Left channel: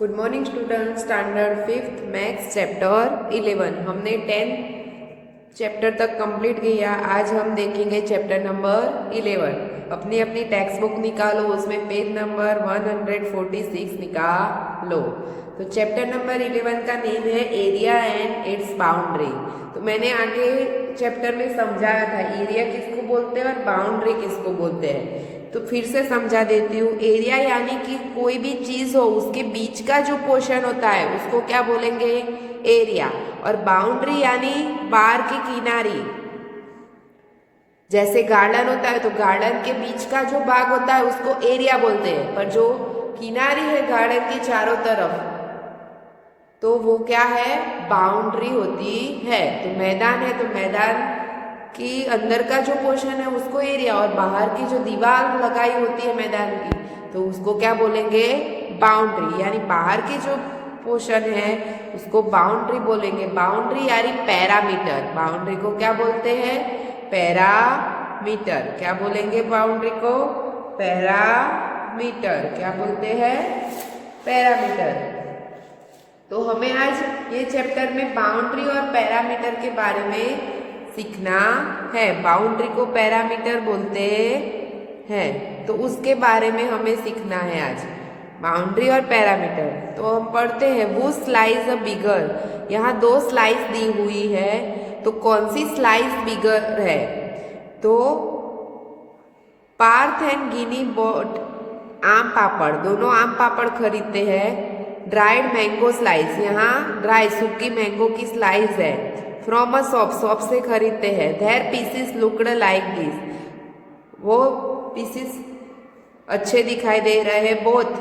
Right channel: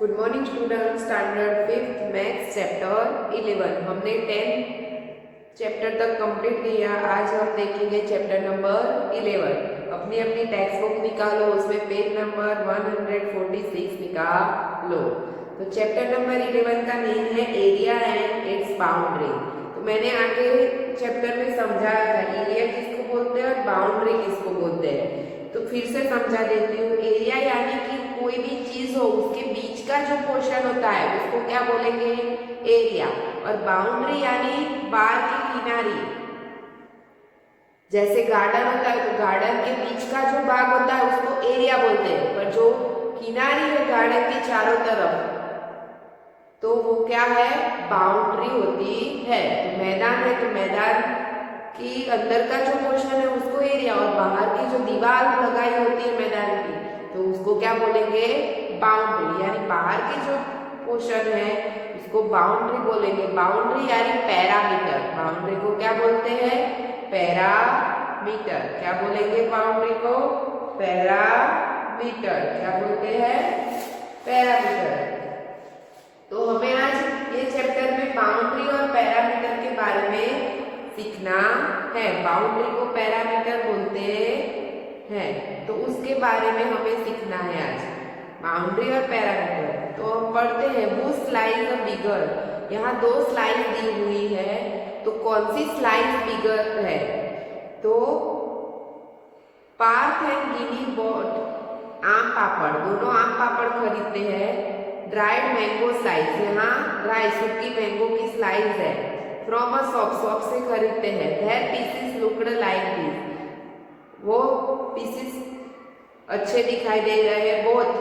Good morning student. Standard 5th maths chapter 11 हमने 10 chapter तक complete किया। आज हम देखेंगे चैप्टर नंबर 11। अपनी अपनी टेक्स्ट बुक निकालो, उसमें पेज नंबर 146 निकालो। तो चैप्टर नंबर 11 का नेम है एरिया एंड इट्स बाउंड्री। तो मैंने आगे चैप्टर में समझाया था एरिया किसको बोलते हैं और बाउंड्री किसको बोलते हैं। तो फिर से समझा देती हूँ। एरिया यानी कि कोई भी चीज हो उसके बीच का जो पोर्शन होता है उसको क्या बोलेंगे, एरिया। और बाउंड्री यानी बाहर की किनारी। जैसे गार्डन होता है तो गार्डन के बीच का जो भाग होता है उसको एरिया बोलते हैं, पर जो किनारी है गार्डन के चारों तरफ तो वो क्या है, बाउंड्री होती है। तो मैदान है तो मैदान कि अंदर का जो पोर्शन है उसको एरिया, और बाहर की जो दीवार लगाई होती है मैदान की तो उसको क्या बोलेंगे, बाउंड्री। यानी बाहर की जो पोर्शन है उसको बाउंड्री बोलेंगे। बाउंड्री यानी पैरामीटर। बाउंड्री को क्या बोलते हैं, पैरामीटर। क्या बोलेंगे बाउंड्री को, पैरामीटर। क्या बोलते हैं, पैरामीटर। तो हमें आज ये चैप्टर में बाउंड्री और पैरामीटर के बारे में सीखना है। बाउंड्री को पैरामीटर बोलते हैं तो उसके बारे में हमें सीखना है आज, बाउंड्री और पैरामीटर। तो हम पढ़ते हैं वो स्लाइस अ बिगर। यहाँ दो स्लाइस दी हुई है तो कौन सी स्लाइस बिगर है, तो पार्थ एंड गिनी बॉट आम पापड़, दोनों आम पापड़ खरीदते हैं। ड्राइड मैंगो स्लाइस, यहाँ ड्राई सूखी मैंगो की स्लाइस है। फ्रॉम अ शॉप, शॉप से खरीदते हैं। Their pieces looked like this, वो पीसेस अच्छे दिखाई दे रहे हैं। Both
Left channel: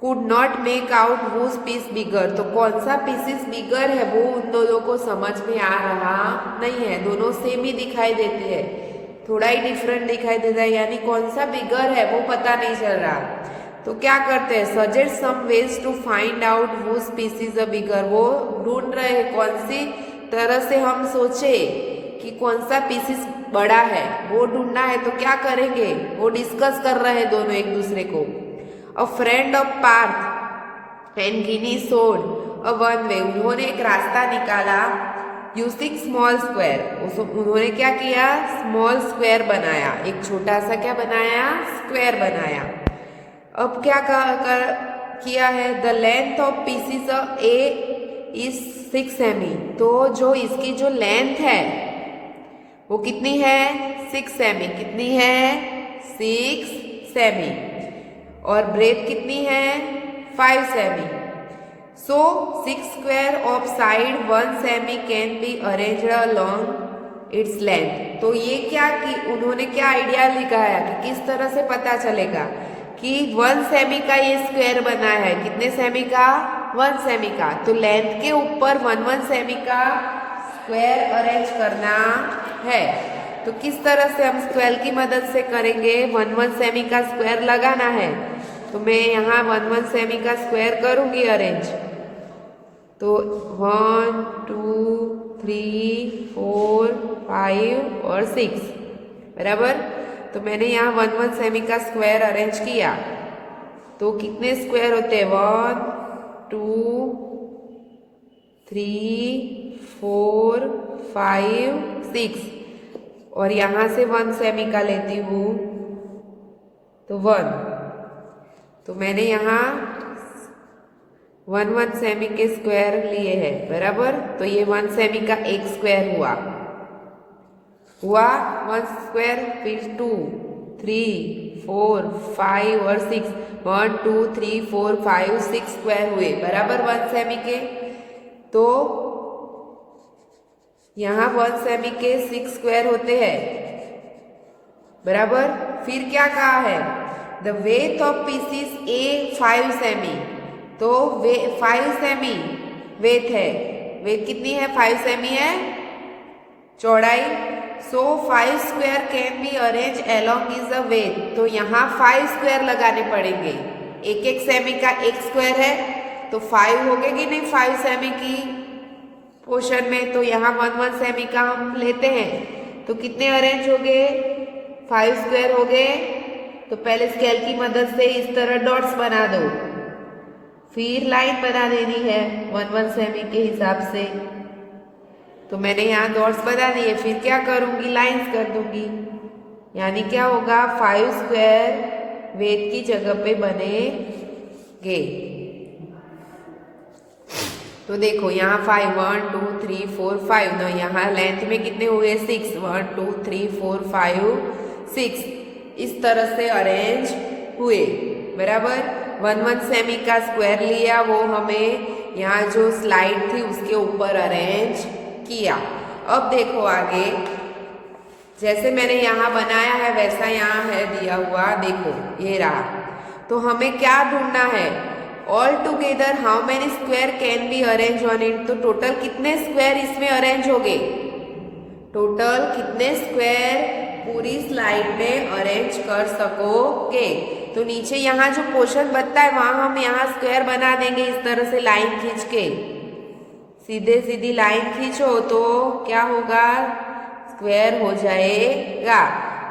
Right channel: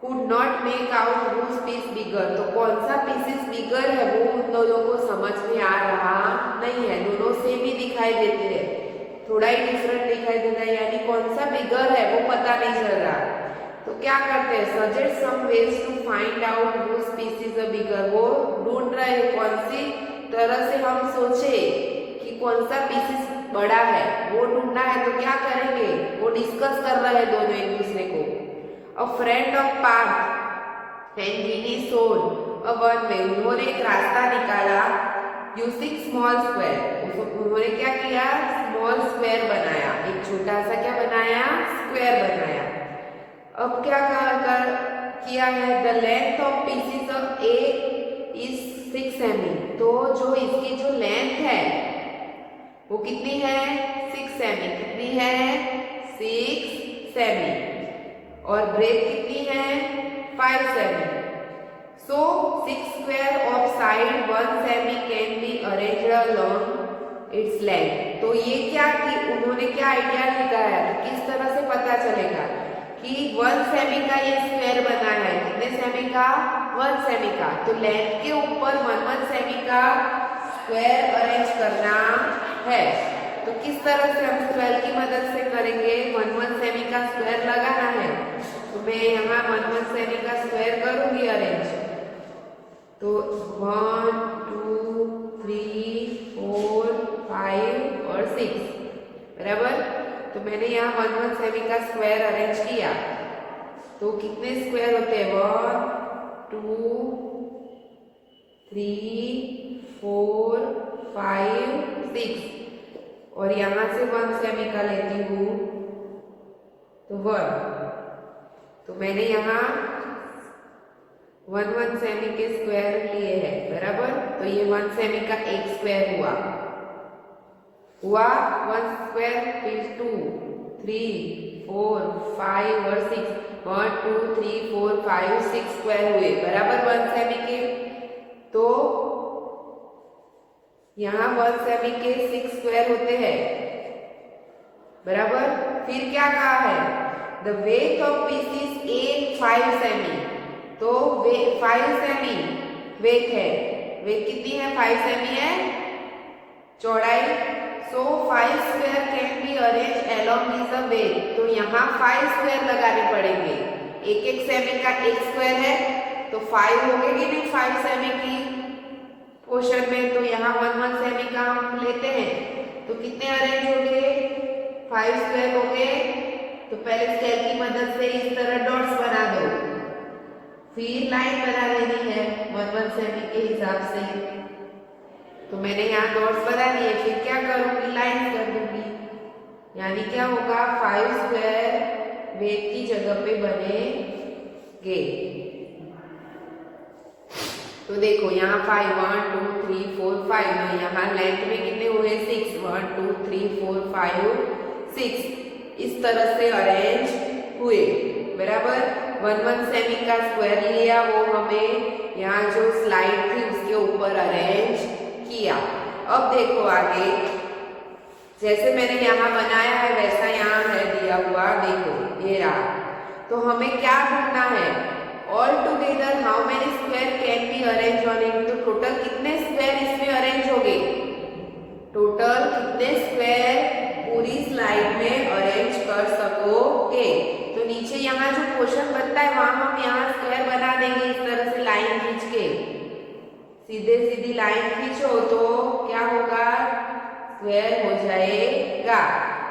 could not make out whose piece bigger, तो कौन सा पीसेस बिगर है वो उन दोनों को समझ में आ रहा नहीं है। दोनों सेम ही दिखाई देते हैं, थोड़ा ही डिफरेंट दिखाई देता है, यानी कौन सा बिगर है वो पता नहीं चल रहा। तो क्या करते हैं, suggest some ways to find out whose pieces a bigger, वो ढूंढ रहे हैं कौन सी तरह से हम सोचे कि कौन सा पीसेस बड़ा है वो ढूंढना है। तो क्या करेंगे, वो डिस्कस कर रहे हैं दोनों एक दूसरे को। A friend of Parth and Gini sod a one way, उन्होंने एक रास्ता निकाला यूजिंग स्मॉल स्क्वायर। उन्होंने क्या किया, स्मॉल स्क्वायर बनाया, एक छोटा सा क्या बनाया, स्क्वायर बनाया। अब क्या किया है, the length of pieces A is 6 semi, तो जो इसकी जो लेंथ है वो कितनी है, 6 सेमी। कितनी है, 6 सेमी। और ब्रेथ कितनी है, 5 semi. So 6 square of side 1 semi can be arranged along its length. तो ये क्या कि उन्होंने क्या आइडिया लगाया कि किस तरह से पता चलेगा कि 1 सेमी का ये स्क्वायर बना है। कितने सेमी का, 1 सेमी का। तो लेंथ के ऊपर 1 सेमी का स्क्वायर अरेंज करना है। तो किस तरह से हम स्क्वायर की मदद से करेंगे, 1 सेमी का स्क्वायर लगाना है। तो मैं यहाँ 1 सेमी का स्क्वायर करूंगी अरेंज। तो 1 2 3 4 5 और 6 बराबर। तो मैंने यहाँ 1 सेमी का स्क्वायर अरेंज किया। तो कितने स्क्वायर होते हैं, 1 2 3 4 5 6, और यहाँ से 1 सेमी का लेती हूँ तो 1। तो मैंने यहाँ 1 सेमी के स्क्वायर लिए हैं बराबर। तो ये 1 सेमी का एक स्क्वायर हुआ 1 स्क्वायर, फिर 2 3 4 5 और 6, 1 2 3 4 5 6 स्क्वायर हुए बराबर 1 सेमी के। तो यहाँ 1 सेमी के 6 स्क्वायर होते हैं बराबर। फिर क्या कहा है, the width of pieces A 5 semi, तो 5 सेमी वेथ है। वेथ कितनी है, 5 सेमी है चौड़ाई। So 5 square can be arrange along is a width, तो यहाँ 5 स्क्वायर लगाने पड़ेंगे। एक सेमी का एक स्क्वायर है तो 5 हो गए कि नहीं 5 सेमी की पोर्शन में। तो यहाँ 1 सेमी का हम लेते हैं तो कितने अरेंज हो गए, 5 स्क्वायर हो गए। तो पहले स्केल की मदद से इस तरह डॉट्स बना दो। फिर लाइन बना देनी है 1 सेमी के हिसाब से। तो मैंने यहाँ डॉट्स बना दिए, फिर क्या करूँगी, लाइंस कर दूंगी। यानी क्या होगा, 5 स्क्वायर वेद की जगह पे बनेंगे। तो देखो यहाँ 5 1 2 3 4 5, तो यहाँ लेंथ में कितने हुए 6, 1 2 3 4 5 6, इस तरह से अरेंज हुए। बराबर 1 सेमी का स्क्वायर लिया, वो हमें यहाँ जो स्लाइड थी उसके ऊपर अरेंज किया। अब देखो आगे, जैसे मैंने यहाँ बनाया है वैसा यहाँ है दिया हुआ, देखो ये रहा। तो हमें क्या ढूंढना है, all together how many square can be arrange on it. तो टोटल कितने स्क्वायर इसमें अरेंज हो गए, टोटल कितने स्क्वायर पूरी स्लाइड में अरेंज कर सकोगे। तो नीचे यहाँ जो पोर्शन बनता है वहां हम यहाँ स्क्वायर बना देंगे, इस तरह से लाइन खींच के, सीधे सीधी लाइन खींचो तो क्या होगा, स्क्वायर हो जाएगा।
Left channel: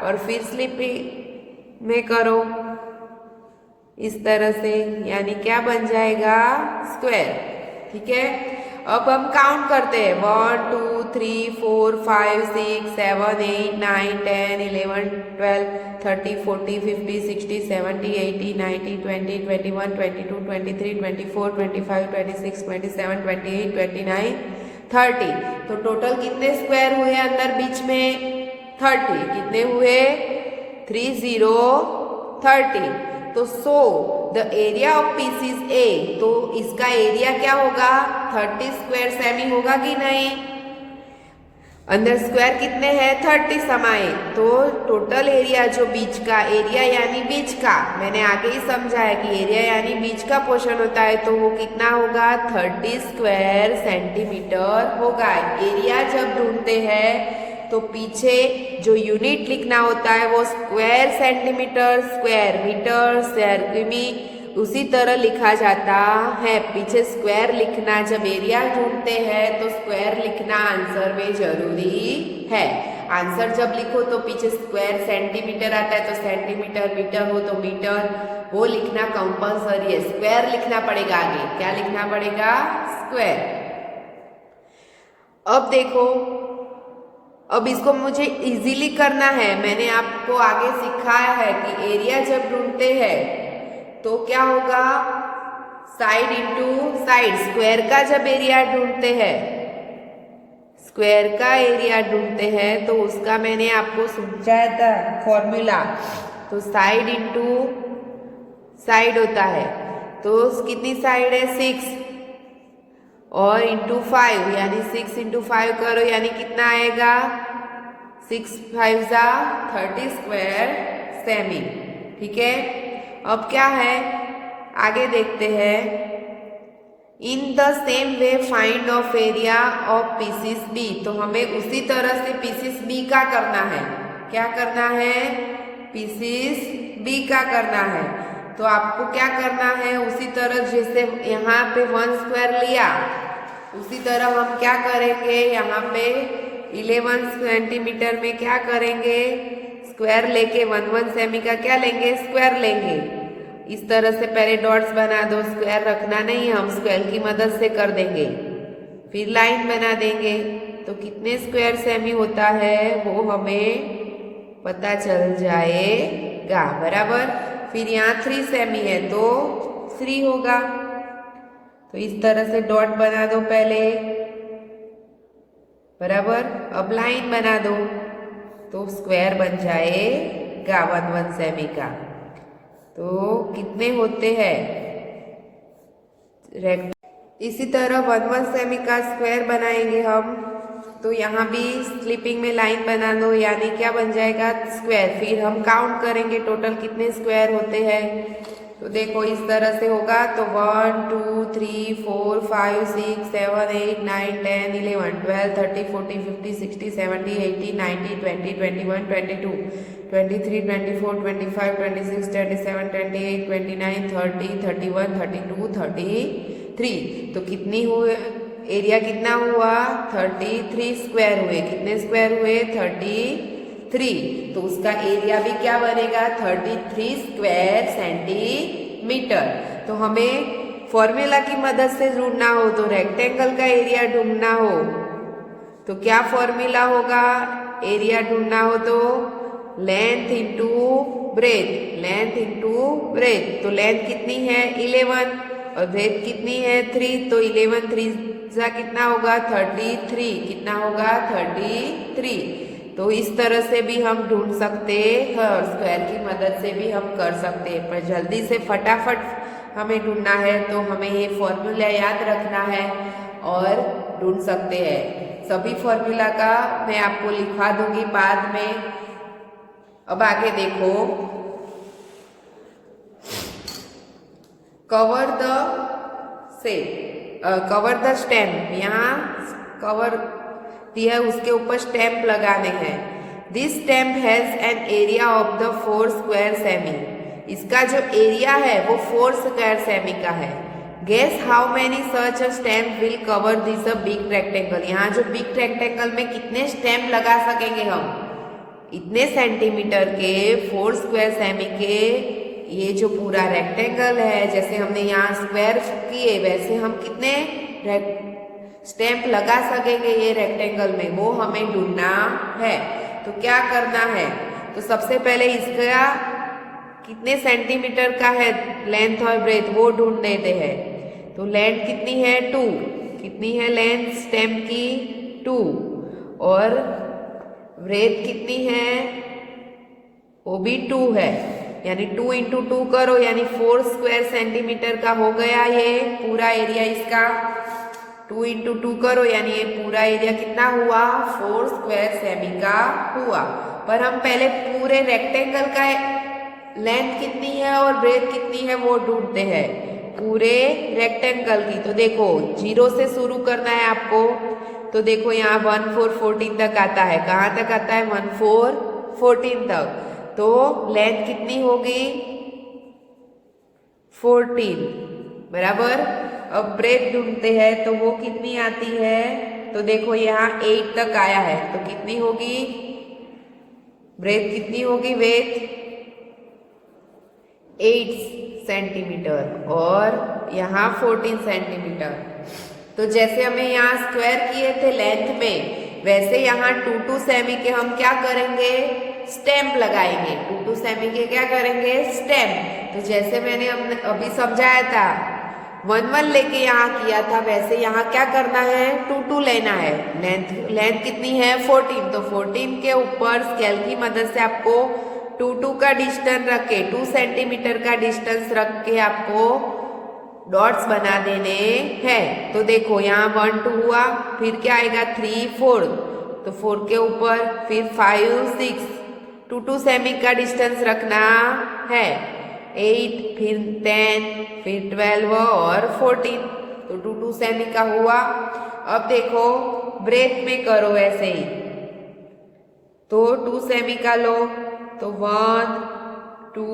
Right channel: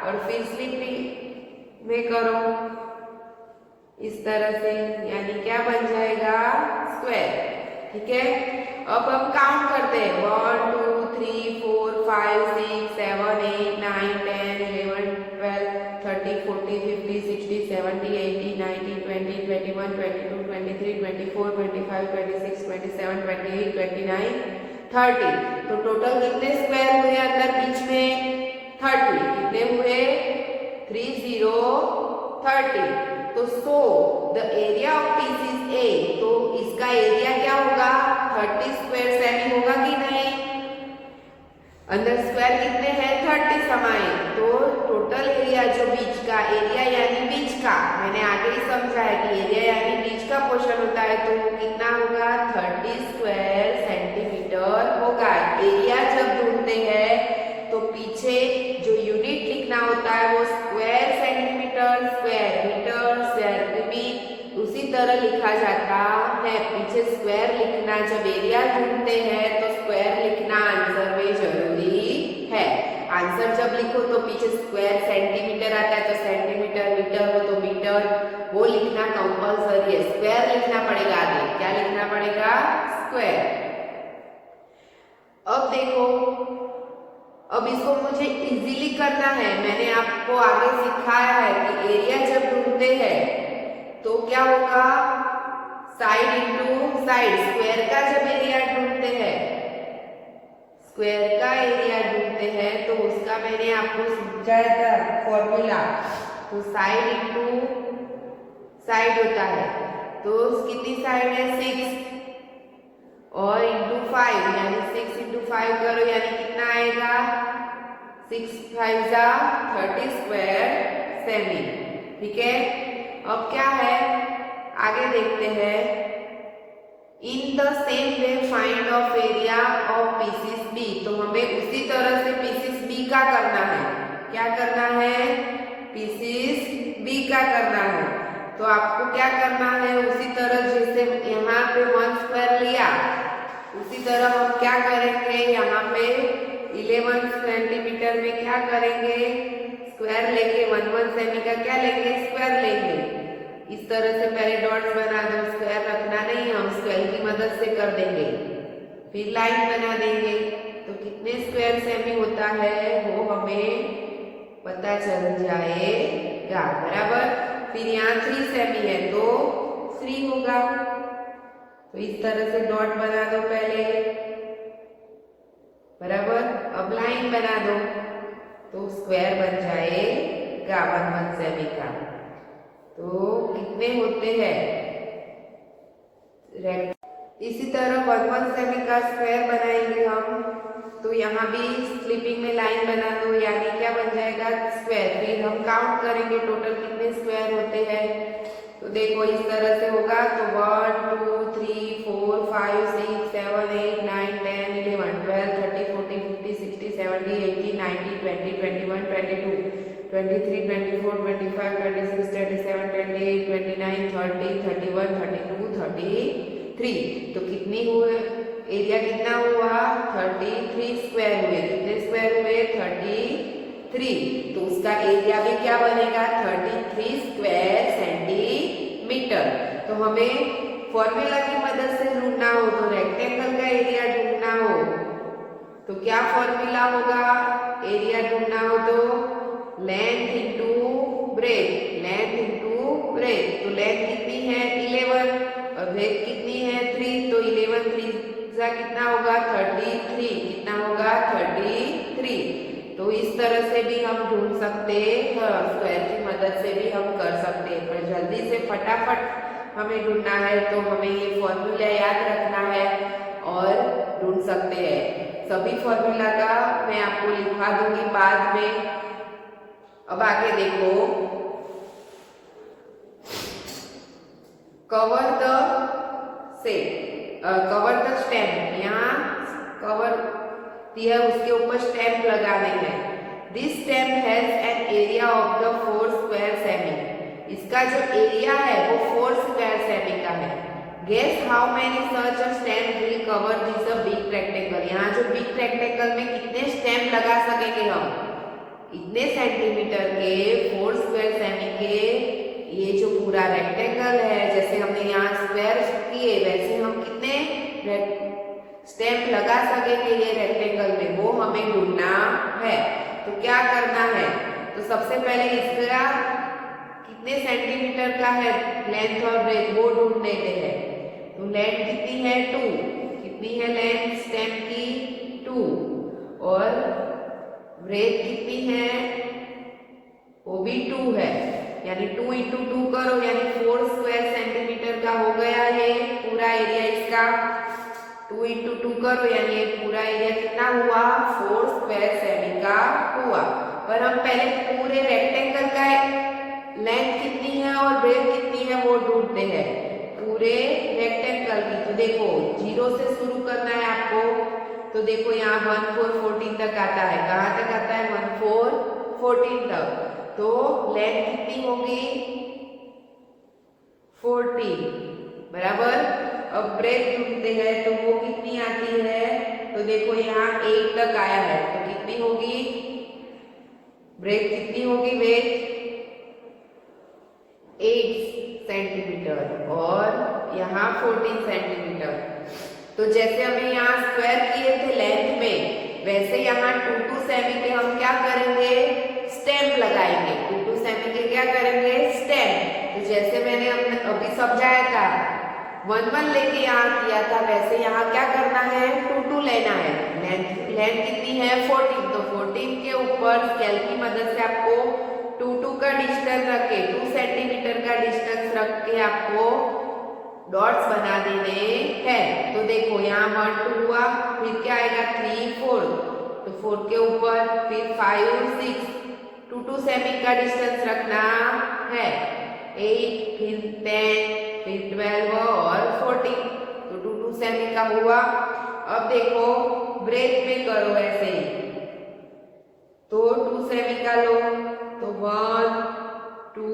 और फिर स्लिप में करो इस तरह से, यानी क्या बन जाएगा, स्क्वायर। ठीक है, अब हम काउंट करते हैं 1 2 3 4 5 6 7 8 9 10 11 12 13 14 15 16 17 18 19 20 21 22 23 24 25 26 27 28 29 30। तो टोटल कितने स्क्वायर हुए अंदर बीच में, 30। कितने हुए, 30 30। तो so the area of peace is a, तो इसका एरिया क्या होगा, 30 स्क्वायर सेमी होगा कि नहीं। अंदर स्क्वायर कितने हैं, 30 समाये। तो टोटल एरिया जो बीच का एरिया यानी बीच का, मैंने आगे ही समझाया कि एरिया यानी बीच का पोर्शन होता है, तो वो कितना होगा, 30 स्क्वायर सेंटीमीटर होगा। एरिया जब ढूंढते हैं तो पीछे जो यूनिट लिखना होता है वो square centimetre, square metre, square cubic, उसी तरह लिखा जाता है। पीछे स्क्वायर लिखना, जब एरिया ढूंढते हैं तो स्क्वायर लिखना आंसर में जरूरी है। आंसर जब लिखो तो पीछे स्क्वायर सेंटीमीटर आता है, तो सेंटीमीटर, मीटर हो तो मीटर, वो लिखना कंपल्सरी है। स्क्वायर लिखना पड़ेगा, आगे क्या लिखना पड़ेगा, स्क्वायर। अब देखो, अब इसको मुझे इजीली करना है। मैंने आपको आगे सिखाया है कि एरिया जब ढूंढते हैं तो क्या होगा, साइड इनटू साइड। स्क्वायर का जब एरिया ढूंढते हैं, स्क्वायर का एरिया ढूंढते हैं तो उसका मैंने आपको समझाया था फॉर्मूला। तो साइड इनटू साइड होता है, तो कितनी साइड है, 6 और इंटू 5, यानी 6 इंटू 5 करो, यानी कितना आएगा, 6 5 जा 30 स्क्वायर सेमी। ठीक है, अब क्या है, आगे देखते हैं। In the same way find of area of pieces B. तो हमें उसी तरह से पीसीस बी का करना है। क्या करना है, पीसीस बी का करना है। तो आपको क्या करना है, उसी तरह जैसे यहाँ पे 1 स्क्वायर लिया, उसी तरह हम क्या करेंगे, यहाँ पे 11 सेंटीमीटर में क्या करेंगे, स्क्वायर लेके 1 सेमी का क्या लेंगे, स्क्वायर लेंगे। इस तरह से पहले डॉट्स बना दो, स्क्वायर रखना नहीं, हम स्क्वायर की मदद से कर देंगे। फिर लाइन बना देंगे, तो कितने स्क्वायर सेमी होता है वो हमें पता चल जाएगा। बराबर, फिर यहाँ 3 सेमी है तो 3 होगा। तो इस तरह से डॉट बना दो पहले, बराबर। अब लाइन बना दो तो स्क्वायर बन जाएगा 1 सेमी का। तो कितने होते हैं, इसी तरह 1 सेमी का स्क्वायर बनाएंगे हम। तो यहाँ भी स्लिपिंग में लाइन बना दो, यानी क्या बन जाएगा, स्क्वायर। फिर हम काउंट करेंगे टोटल कितने स्क्वायर होते हैं। तो देखो इस तरह से होगा, तो 1 2 3 4 5 6 7 8 9 10 11 12 13 14 15 16 17 18 19 20 21 22 23 24 25 26 27 28 29 30 31 32 33। तो कितनी हुए, एरिया कितना हुआ, 33 स्क्वायर हुए। कितने स्क्वायर हुए, 33। तो उसका एरिया भी क्या बनेगा, 33 स्क्वायर सेंटीमीटर। तो हमें फॉर्मूला की मदद से ढूंढना हो, तो रेक्टेंगल का एरिया ढूंढना हो तो क्या फॉर्मूला होगा? एरिया ढूंढना हो तो length into breadth, length into breadth. तो लेंथ कितनी है 11 और ब्रेथ कितनी है 3, तो 11 3 जा कितना होगा 33, कितना होगा 33। तो इस तरह से भी हम ढूंढ सकते हैं और स्क्वायर की मदद से भी हम कर सकते हैं, पर जल्दी से फटाफट हमें ढूंढना है तो हमें ये फॉर्मूला याद रखना है और ढूंढ सकते हैं। सभी फॉर्मूला का मैं आपको लिखवा दूंगी बाद में। अब आगे देखो, cover the cover the stamp, यहाँ कवर दिया उसके ऊपर स्टैम्प लगाने हैं। This stamp has an area of the 4 square semi, इसका जो एरिया है वो 4 स्क्वायर सेमी का है। Guess how many such a stamp will cover this a big rectangle, यहाँ जो बिग रेक्टेंगल में कितने स्टैम्प लगा सकेंगे हम, इतने सेंटीमीटर के 4 स्क्वायर सेमी के ये जो पूरा रेक्टेंगल है, जैसे हमने यहाँ स्क्वायर किए वैसे हम कितने स्टैम्प लगा सकेंगे ये रेक्टेंगल में, वो हमें ढूंढना है। तो क्या करना है, तो सबसे पहले इसका कितने सेंटीमीटर का है लेंथ और ब्रेथ वो ढूंढ लेते हैं। तो लेंथ कितनी है 2, कितनी है लेंथ स्टैम्प की 2, और ब्रेथ कितनी है वो भी 2 है, यानी 2 इंटू 2 करो यानी 4 स्क्वायर सेंटीमीटर का हो गया है पूरा एरिया इसका। 2 इंटू 2 करो यानी ये पूरा एरिया कितना हुआ 4 स्क्वायर सेमी का हुआ। पर हम पहले पूरे रेक्टेंगल का लेंथ कितनी है और ब्रेथ कितनी है वो ढूंढते हैं पूरे रेक्टेंगल की। तो देखो 0 से शुरू करना है आपको, तो देखो यहाँ 1 4 14 तक आता है, कहाँ तक आता है 1 4 14 तक। तो लेंथ कितनी होगी 14 बराबर। अब ब्रेथ ढूंढते हैं तो वो कितनी आती है, तो देखो यहाँ 8 तक आया है, तो कितनी होगी ब्रेथ कितनी होगी ब्रेथ 8 सेंटीमीटर और यहाँ 14 सेंटीमीटर। तो जैसे हमें यहाँ स्क्वायर किए थे लेंथ में, वैसे यहाँ 2 2 सेमी के हम क्या करेंगे स्टैम्प लगाएंगे। 2 2 सेमी के क्या करेंगे स्टैम्प। तो जैसे मैंने अभी समझाया था 1 1 लेके यहाँ किया था, वैसे यहाँ क्या करना है 2 2 लेना है। लेंथ कितनी है 14, तो 14 के ऊपर स्केल की मदद से आपको 2 2 का डिस्टेंस रख के 2 सेंटीमीटर का डिस्टेंस रख के आपको डॉट्स बना देने हैं। तो देखो यहाँ 1 2 हुआ, फिर क्या आएगा 3 4, तो 4 के ऊपर फिर 5 6, 2 2 सेमी का डिस्टेंस रखना है, 8 फिर 10 फिर 12 और 14, तो 2 2 सेमी का हुआ। अब देखो ब्रेथ में करो ऐसे ही, तो 2 सेमी का लो, तो 1 2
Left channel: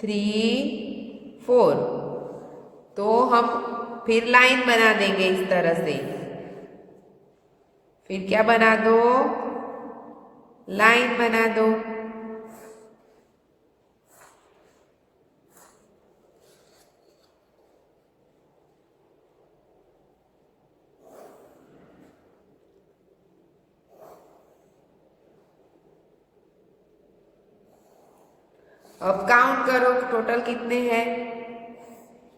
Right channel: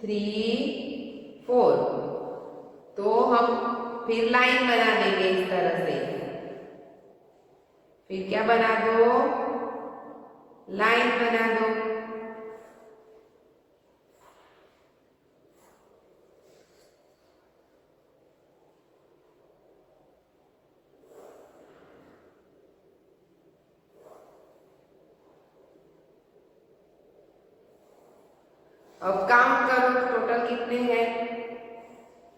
3 4, तो हम फिर लाइन बना देंगे इस तरह से। फिर क्या बना दो लाइन बना दो। अब काउंट करो टोटल कितने हैं,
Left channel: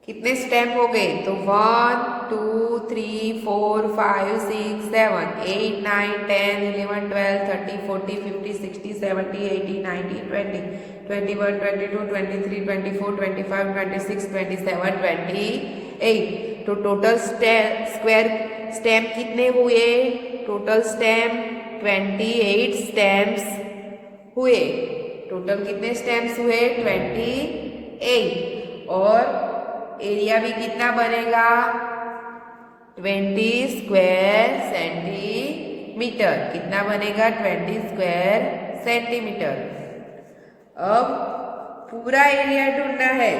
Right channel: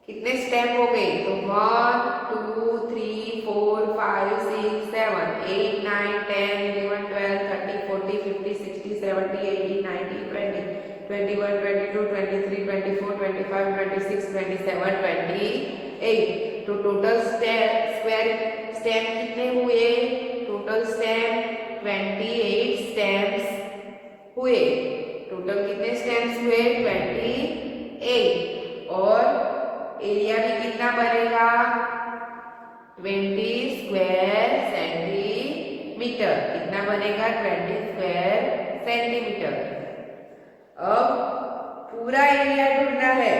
कितने स्टेप हो गए, तो 1 2 3 4 5 6 7 8 9 10 11 12 13 14 15 16 17 18 19 20 21 22 23 24 25 26 27 28। तो टोटल स्क्वायर स्टेप कितने हुए, टोटल स्टेप 28 स्टेप्स हुए। टोटल कितने स्टेप्स हुए 28, और एरिया भी कितना बनेगा 20 स्क्वायर सेंटीमीटर, कितना बनेगा 20 स्क्वायर सेंटीमीटर। अब पूरा एरिया ढूंढना है,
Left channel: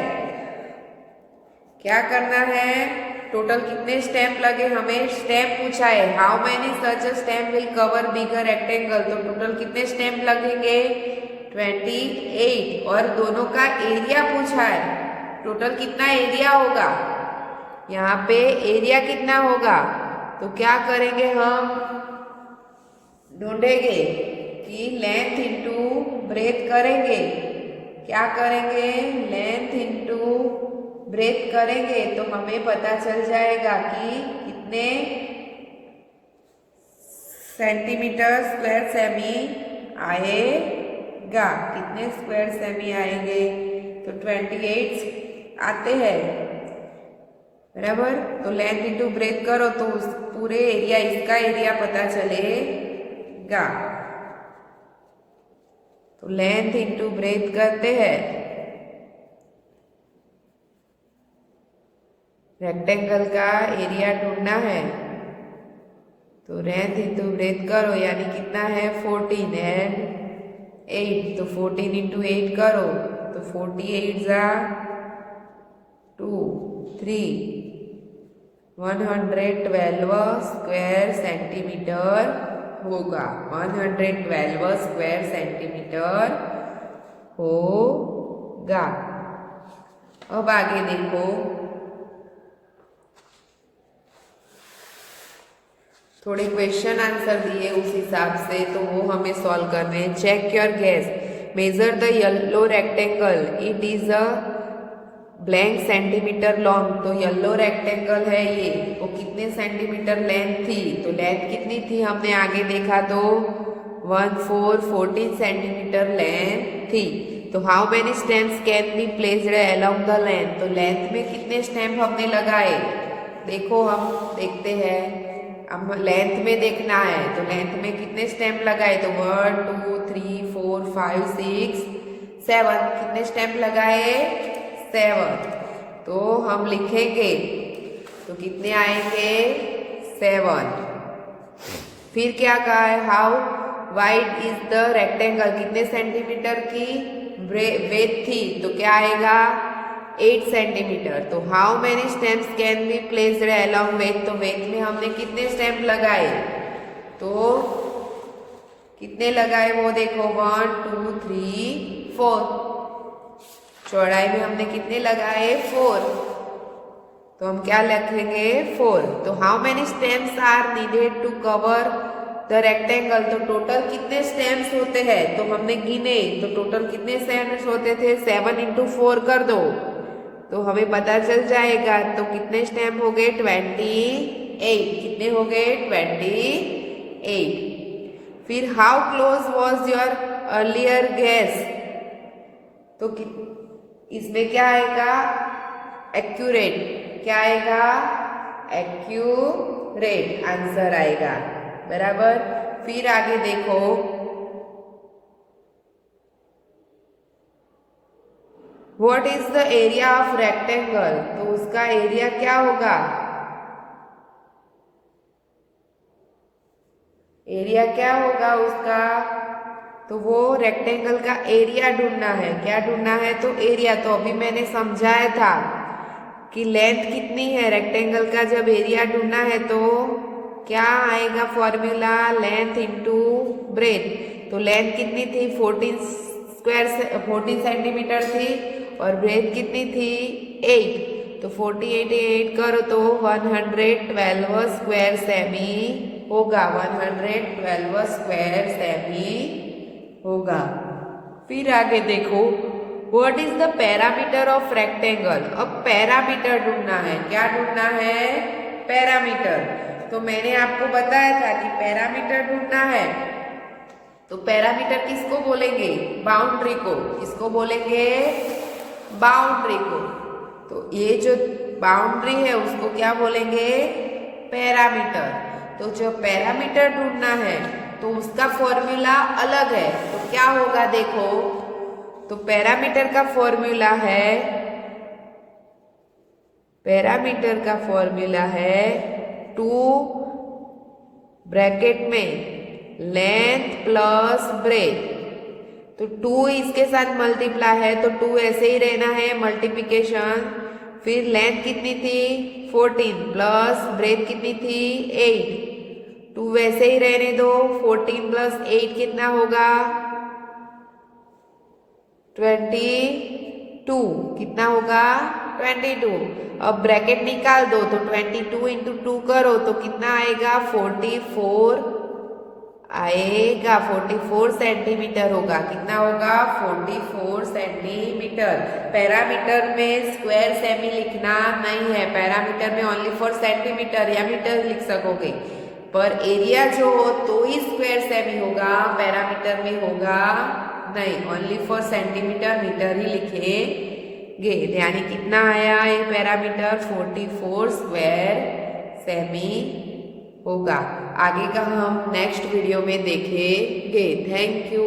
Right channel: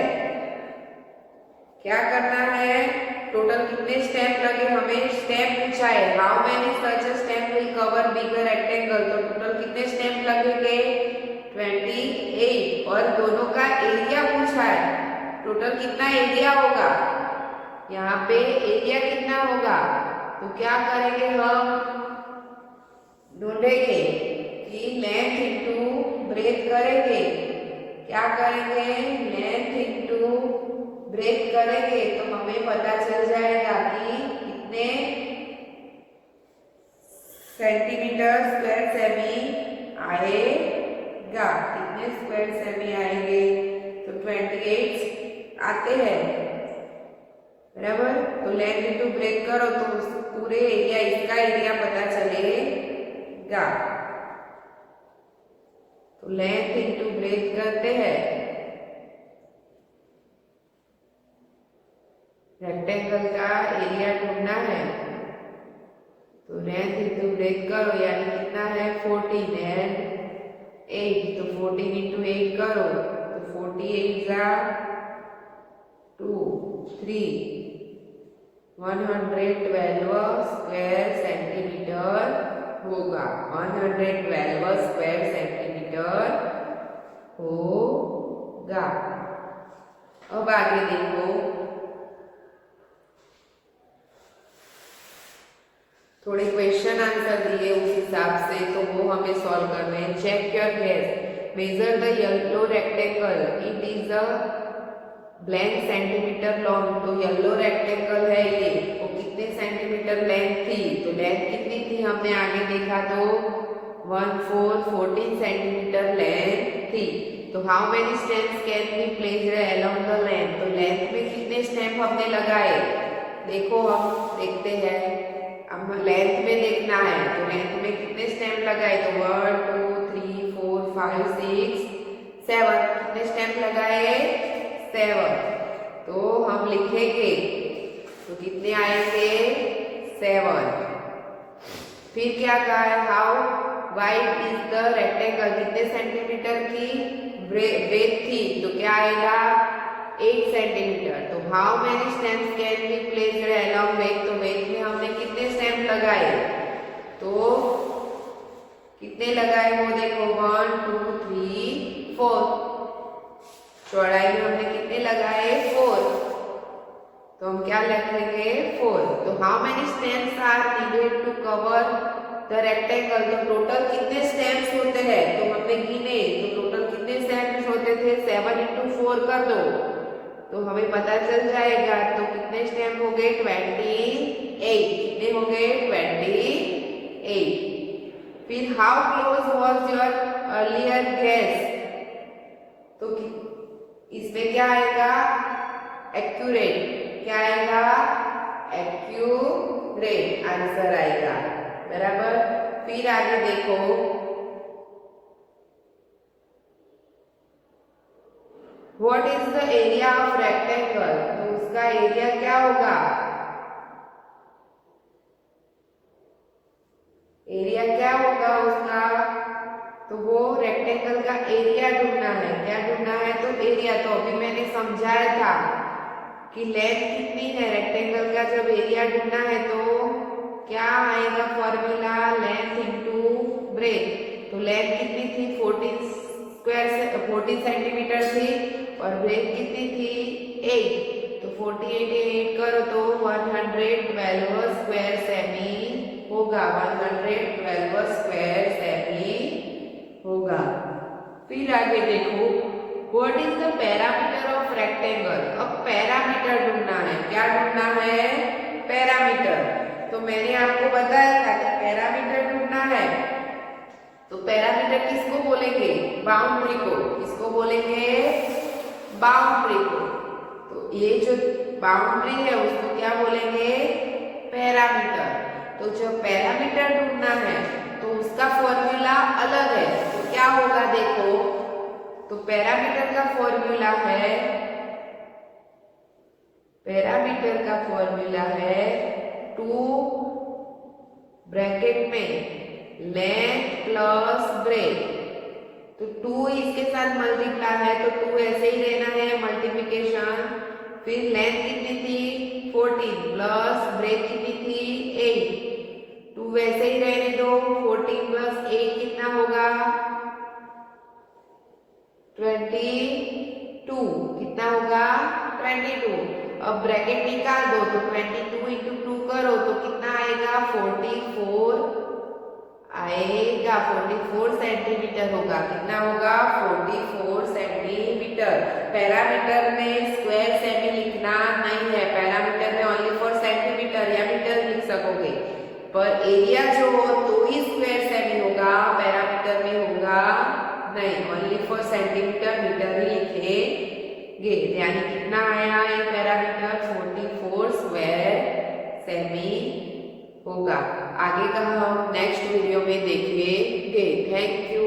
क्या करना है, टोटल कितने स्टेप लगे, हमें स्टेप पूछा है how many such step will cover bigger rectangle, तो टोटल कितने स्टेप लगेंगे 28, और दोनों का एरिया पूछा है, टोटल कितना एरिया होगा यहाँ पे एरिया कितना होगा, तो क्या करेंगे हम ढूंढेंगे कि लेंथ इंटू ब्रेथ करेंगे। क्या करेंगे, लेंथ इंटू ब्रेथ करेंगे तो हमें पता चल जाएगा कि कितने सेंटीमीटर स्क्वायर सेमी आएगा, कितने स्क्वायर सेमी आएंगे, तो 28 आते हैं, बराबर। तो लेंथ इंटू ब्रेथ करो तो उस पूरे एरिया, इसका एरिया पता चलेगा। तो लेंथ इंटू ब्रेथ करते हैं, रेक्टेंगल का एरिया ढूंढना है, तो लेंथ इंटू ब्रेथ करो, यानी कितना है 14 एंड 8, तो 14 इंटू 8 करो तो 48 जा 2 3 112 स्क्वायर सेंटीमीटर होगा, 112 स्क्वायर सेंटीमीटर होगा। अब आगे देखो, थोड़े क्वेश्चन आंसर दिए उस हिसाब से, तो वो हमें सॉल्व करने हैं। Check your guess, measure the yellow rectangle, it is a blank centimetre long. तो येलो रेक्टेंगल है ये, वो कितने सेंटीमीटर लेंथ थी, तो लेंथ कितनी थी हमने आगे देखा, तो 14 सेंटीमीटर लेंथ थी। तो how many stamps can be placed along the length, तो लेंथ में कितने स्टेम्प हमने लगाए, देखो हम देखते हैं, अब लेंथ में देखना है, तो लेंथ में कितने स्टेम्प लगाए, तो 1 2 3 4 5 6 7, कितने स्टेम्प लगाए 7। तो हम लिखेंगे तो कितने आएंगे 7। फिर क्या कहा है, how wide is the rectangle, कितने सेंटीमीटर की ब्रेथ थी, तो क्या आएगा 8 सेंटीमीटर। तो how many stamps can be placed along width, तो वेथ में हमने कितने स्टेम्प लगाए, तो कितने लगाए वो देखो 1 2 3 4, चौड़ाई में हमने कितने लगाए 4, तो हम क्या लिखेंगे 4। तो how many stamps are needed to cover the rectangle, तो टोटल कितने स्टेम्स होते हैं, तो हमने गिने, तो टोटल कितने स्टेम्स होते थे, 7 इंटू 4 कर दो तो हमें पता चल जाएगा। तो कितने स्टेम्प हो गए 28, कितने हो गए 28। फिर how close was your earlier guess, तो इसमें क्या आएगा एक्यूरेट, क्या आएगा एक्यूरेट आंसर आएगा, बराबर। फिर आगे देखो, what is the area of rectangle, तो उसका एरिया क्या होगा, एरिया क्या होगा उसका, तो वो रेक्टेंगल का एरिया ढूंढना है, क्या ढूंढना है, तो एरिया। तो अभी मैंने समझाया था कि लेंथ कितनी है रेक्टेंगल का, जब एरिया ढूंढना है तो क्या आएगा फॉर्मूला, लेंथ इंटू ब्रेथ। तो लेंथ कितनी थी 14 सेंटीमीटर थी और ब्रेथ कितनी थी 8, तो 48 8 करो तो 112 स्क्वायर सेमी होगा, 112 स्क्वायर सेमी होगा। फिर आगे देखो, what is the parameter of rectangle, अब पैरामीटर ढूंढना है, क्या ढूंढना है पैरामीटर। तो मैंने आपको बताया था कि पैरामीटर ढूंढना है, तो पैरामीटर किसको बोलेंगे, बाउंड्री को, किसको बोलेंगे बाउंड्री को। तो ये जो बाउंड्री है उसको क्या बोलेंगे पैरामीटर। तो जो पैरामीटर ढूंढना है तो उसका फॉर्मूला अलग है, तो क्या होगा देखो, तो पैरामीटर का फॉर्मूला है, पैरामीटर का फॉर्मूला है 2 ब्रैकेट में लेंथ प्लस ब्रेथ, तो 2 इसके साथ मल्टीप्लाई है तो 2 ऐसे ही रहना है मल्टीप्लिकेशन। फिर लेंथ कितनी थी 14 प्लस ब्रेथ कितनी थी 8, 2 वैसे ही रहने दो, 14 प्लस 8 कितना होगा 22, कितना होगा 22। अब ब्रैकेट निकाल दो तो 22 इंटू 2 करो तो कितना आएगा 44 आएगा, 44 सेंटीमीटर होगा। कितना होगा 44 सेंटीमीटर। पैरामीटर में स्क्वायर सेमी लिखना नहीं है, पैरामीटर में ओनली फॉर सेंटीमीटर या मीटर लिख सकोगे, पर एरिया जो हो तो ही स्क्वायर सेमी होगा, पैरामीटर में होगा नहीं, ओनली फॉर सेंटीमीटर मीटर ही लिखेंगे। यानी कितना आया ये पैरामीटर 44 स्क्वायर सेमी होगा। आगे का हम नेक्स्ट वीडियो में देखेंगे। Thank you.